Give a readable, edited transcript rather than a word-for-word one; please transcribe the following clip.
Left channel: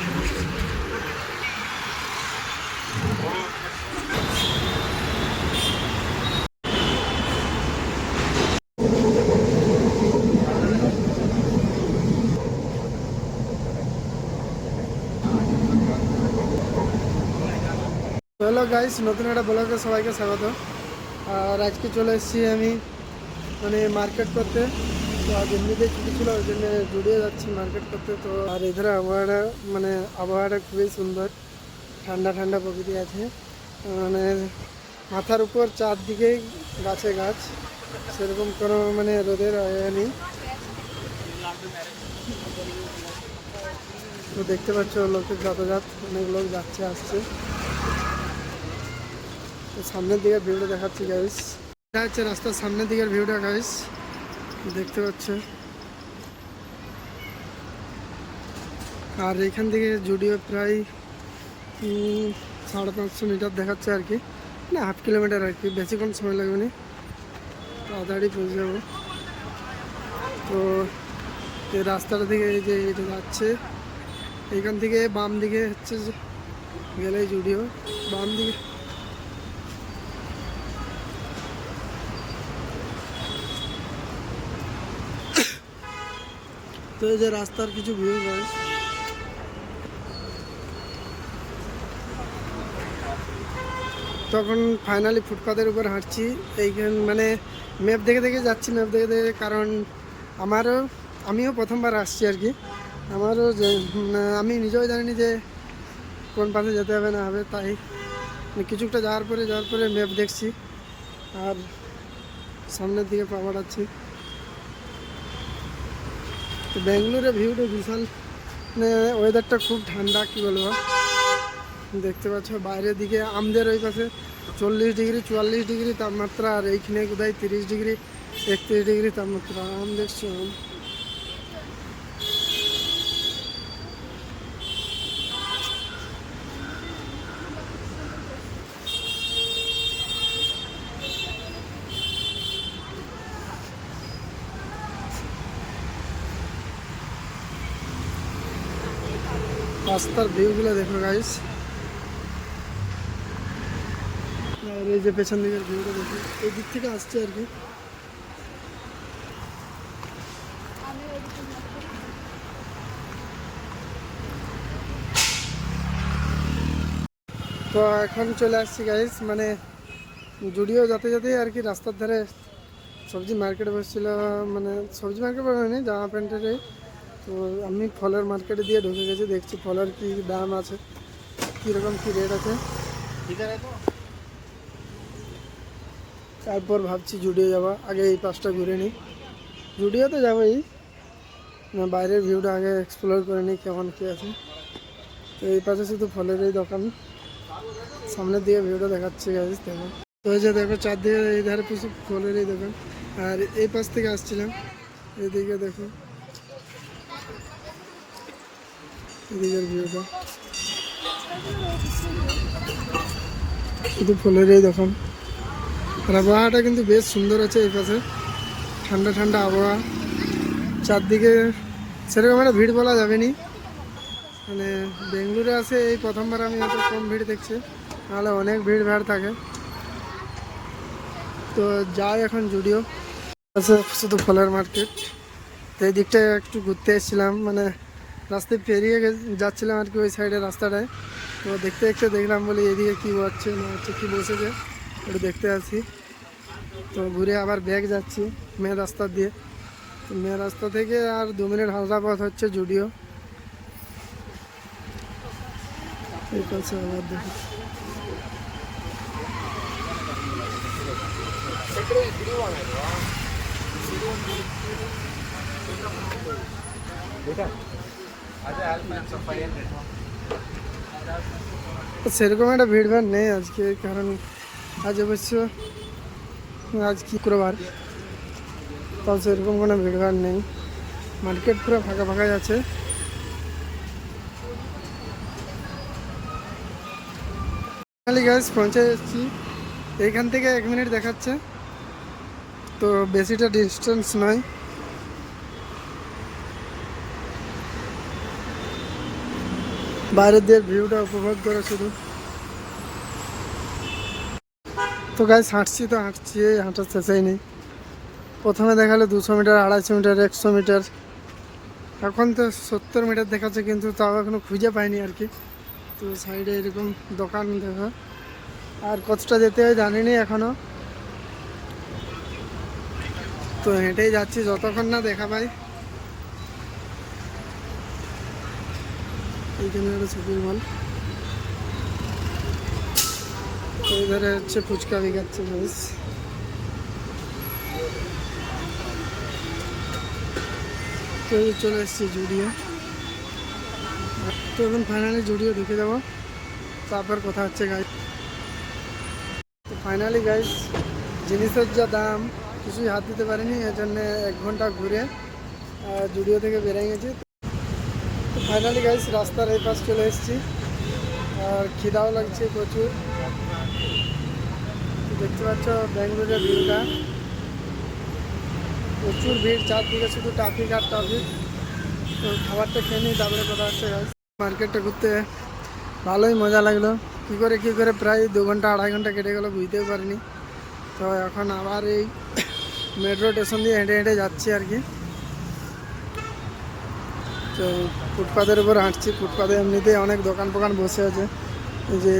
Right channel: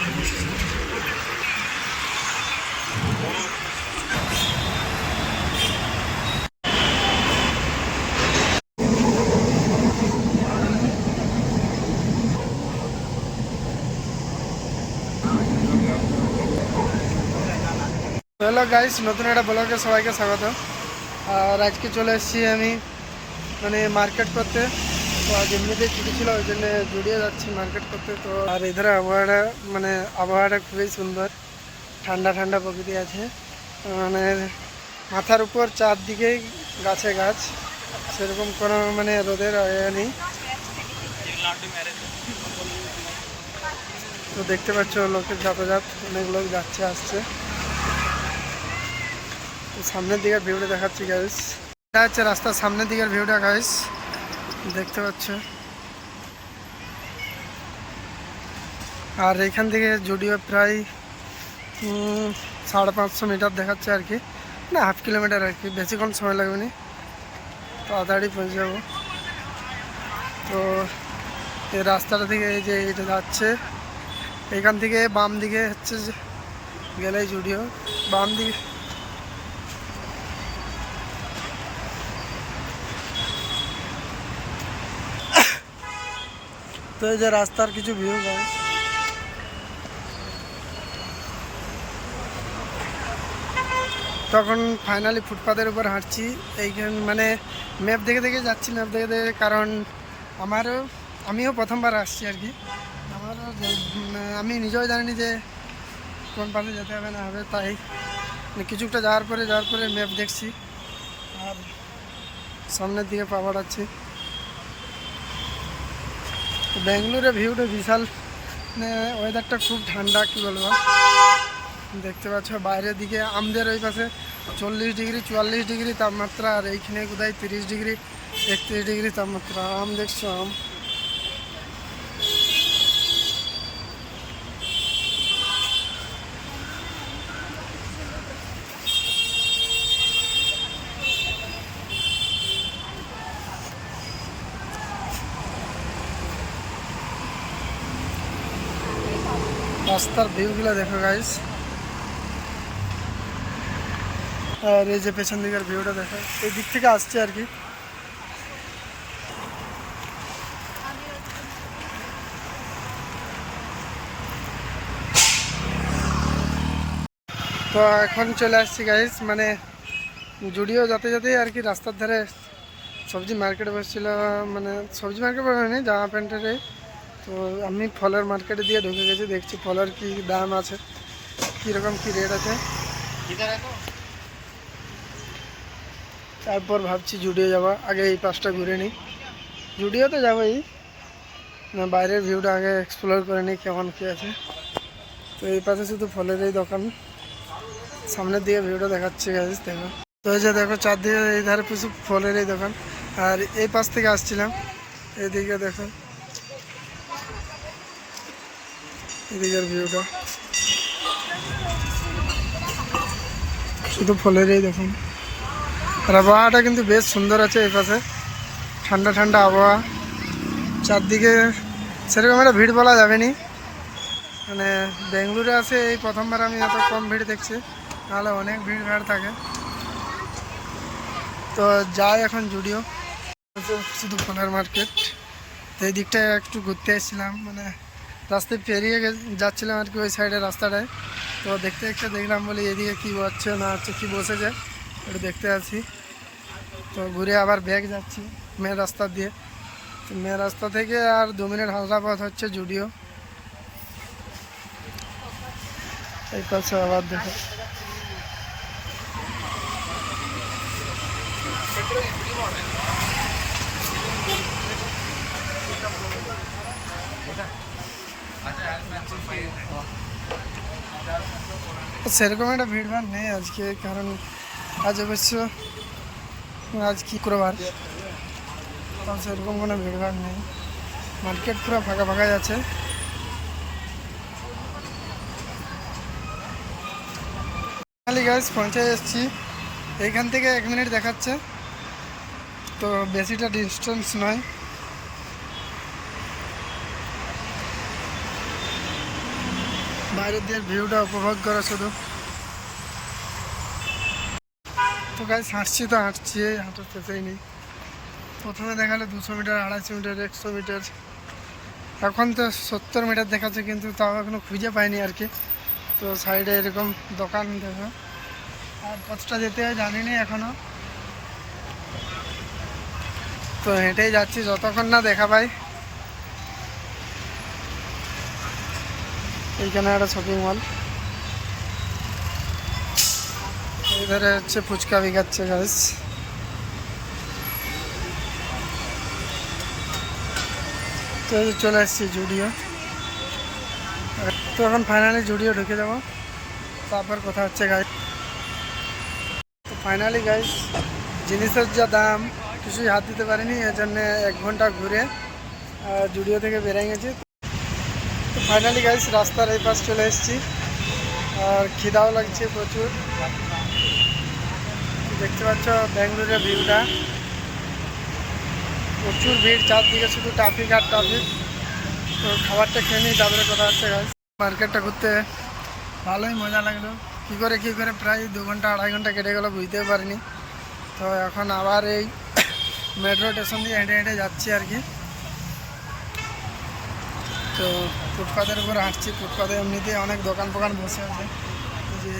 Hello guys, নতুন একটা ব্লগে সবাইকে স্বাগত। আর আজকে চলে এসেছি আমি মার্কেট করতে। তো আজ এমনিতেই ছুটি ছিল, ওই জন্য জুড়িয়ে যাচ্ছি মার্কেট করতে। তো আর এধারে আবহাওয়াটা খুবই সুন্দর, ঠান্ডা ঠান্ডা প্রকৃতি আছে। মাথার উপর চারদিকেই গাছে গাছ, সেরকম কোনো রোদের আয়া নেই। তো দেখতে পাচ্ছ লোকের যাতায়াত, অনেক লোক যাচ্ছে আসছে। সামনের দিকের ভিউটা দেখাচ্ছি গাইস, এটা হচ্ছে রাস্তার সামনের দিকের ভিউটা গাইস, দেখতে পাচ্ছ। আর এখান থেকে জুডিও প্রায় 550 মিটার দেখাচ্ছে আর কি, না হাফ কিলোমিটার আর কি, বেশিক্ষণ সময় লাগবে না, তাড়াতাড়ি পৌঁছে যাবো। তো এই রাস্তাটা থেকে এই যে এটা যাচ্ছে, এখান থেকে বাম দিকে হচ্ছে গেলেই জুডিও, বাম দিকে। তো এই যে রাস্তার কিছু ভিউ গাইস। তখন ফাইনালি ফুটপাথের উপর হাঁটছি, এইখানে ম্যাপ দেখে দেখে যাচ্ছি, ম্যাপ দেখে দেখে, কারণ আমিও প্রথমবার আসছি আর কি। আমি নিজেও জানিনি যে কোন পাশে যেতে হবে না হবে, তাই কিছুটা যাওয়ার পরে ম্যাপ দেখছি আর সামনের দিকে পা বাড়াচ্ছি। তো ব্যাঙ্গালোরের ভিউটা বিশাল, ওয়েদারটা খুব ঠান্ডা, কি বলবো। দেখতে পাচ্ছ বাইরের দিকে আমাদের ওই পাশে 40 ডিগ্রি 44 ডিগ্রি তাপমাত্রা, আর এইখানে কোথায় 30 ডিগ্রি 31 ডিগ্রি তাপমাত্রা। দেখছো রাস্তার ভিউগুলো দেখো গাইস। আর এই যে পেছন দিকের ভিউটা দেখো, এই দিক থেকে আসছে আর কি। তো এখন চলে আসছি গাইস, জুডিও যেতে যেতেই আর কি রাস্তার ধারে সবজি মার্কেটে বসছিল, সবজি মার্কেট বলে জামা প্যান্টের। তো আমি ফলের মার্কেটে দিয়ে ঢুকে গেছি, দেখছি ফলের কি দাম আছে, কীরকম কি রেট আছে। তারপর ভাবছি জুডিও যাওয়া, আগে এই পাশটা ঘুরে নিই। জুডিও তো যাবোই, বাইরের ভিউটা আগে এক্সপ্লোর করে নিই কেমন কী আছে। তো এই পাশে শুধু ফলের এই দোকান, সামনের দিকে ভিউটা দেখাচ্ছে গাইস দেখো। তো এই যে দেখো চারদিকে এই ধারে প্রচুর ফলের এই দোকান, আর এই পাশ থেকে আসছিলাম, এইদিকে দেখো এদিকের ভিউটা, শুধু ফলের এই দোকান। আর আবহাওয়াটা কিন্তু বেশ সুন্দর আছে, এই পাশে ঠান্ডা ঠান্ডা আবহাওয়া, চারদিকে সেরকম একটা ভিড় বলা যাবে নি। বেঙ্গালুরু আসে এই প্রথমবার আমি এত কম ভিড় দেখছি, নাহলে অনেক ভিড় ভাড় থাকে। তো যাই এখন জুডিও আছে, শুধু ফলের মার্কেট। তো এই দিকটায় একটু ঘুরতে এসেছিলাম, রাস্তায় পেরিয়ে যাচ্ছিলাম আর কি ওই সাইডে রাস্তাটায়। তো দেখতে দেখতে দেখলাম, বলি এদিকে কী হচ্ছে না হচ্ছে, কী বসেছে একটু দেখতে আসি। তো ঘুরে আবার ব্যাগ যাচ্ছি মেন রাস্তা দিয়ে। তো মেন রাস্তা থেকে আর 2 মিনিট হাঁটা পথ হচ্ছে জুডিও। এই পাশে আবার দেখো সেরকম একটা ভিড়ভাড় নেই আজকে, কারণ আজ অবশ্য আজ শুক্রবার, তো সেরকম কোনো ভিড়ভাড় নেই, মার্কেট পুরো ফাঁকা ফাঁকা আছে। গাইস পৌঁছে এসেছি, এইখান থেকে 1 মিনিট দেখাচ্ছে, তো বেশিটা ডিস্টেন্স নয়। বাইরের দিয়ে ভিউটা উপভোগ করা শুধু। তো গাইস হাঁটছি তো হাঁটছি, হাঁটার শেষেই নেই। প্রথমে দেখালো 200 মিটার, 250 মিটার, 100 মিটার, এখন তো 70 মিটার দেখাচ্ছে, কিন্তু তাও এখনো খুঁজে পাইনি আর কি। তো সাইডে এরকম দোকান দেখো, আর কতটা যেতে হয় জানি না এখনো। তো হেঁটেই যাচ্ছি যতক্ষণ না দেখা পাই। এইখানে একটা শপিং মল, এই ধারে হচ্ছে ফুচকা বিকাচ্ছে গাইস। তো এই যে চলে এসেছি জুডিও। তো এখন ফাইনালি জুডিও ঢুকে যাবো, তারপর কথা হচ্ছে গাইস। তো ফাইনালি গাইস জিনিসের যা দাম কিছুই হাত দিতে পারিনি, এর জন্য 1 ঘন্টা ঘুরে জুডিও থেকে বেরিয়ে গেছি। তো ফাইনালি গাইস রাস্তার এই পাশ চলে এসেছি, আর খিদাও লাগছে প্রচুর। দেখতে পাচ্ছ ব্যাঙ্গালোরের ভিউটা, প্রচুর ভিড়, চারদিকে শুধু ট্রাফিক আর ট্রাফিক। তো খাবারটা খেয়ে নিই, তারপরে কথা হচ্ছে গাইস। মার্কেটটা ঘুরতে ভালোই মজা লাগলো। কী করে প্রায় 2 ঘন্টা 2.5 ঘন্টা কেটে গেলো বুঝতেও পারিনি। তো এখন আবার এই মেট্রো স্টেশন দিয়ে হেঁটে হেঁটে যাচ্ছি আর কি। তো ফুটপাথের উপর হাঁটছি, ফুটপাথে এমনিতেই অনেক দোকান ফোকান বসে আছে, এই যে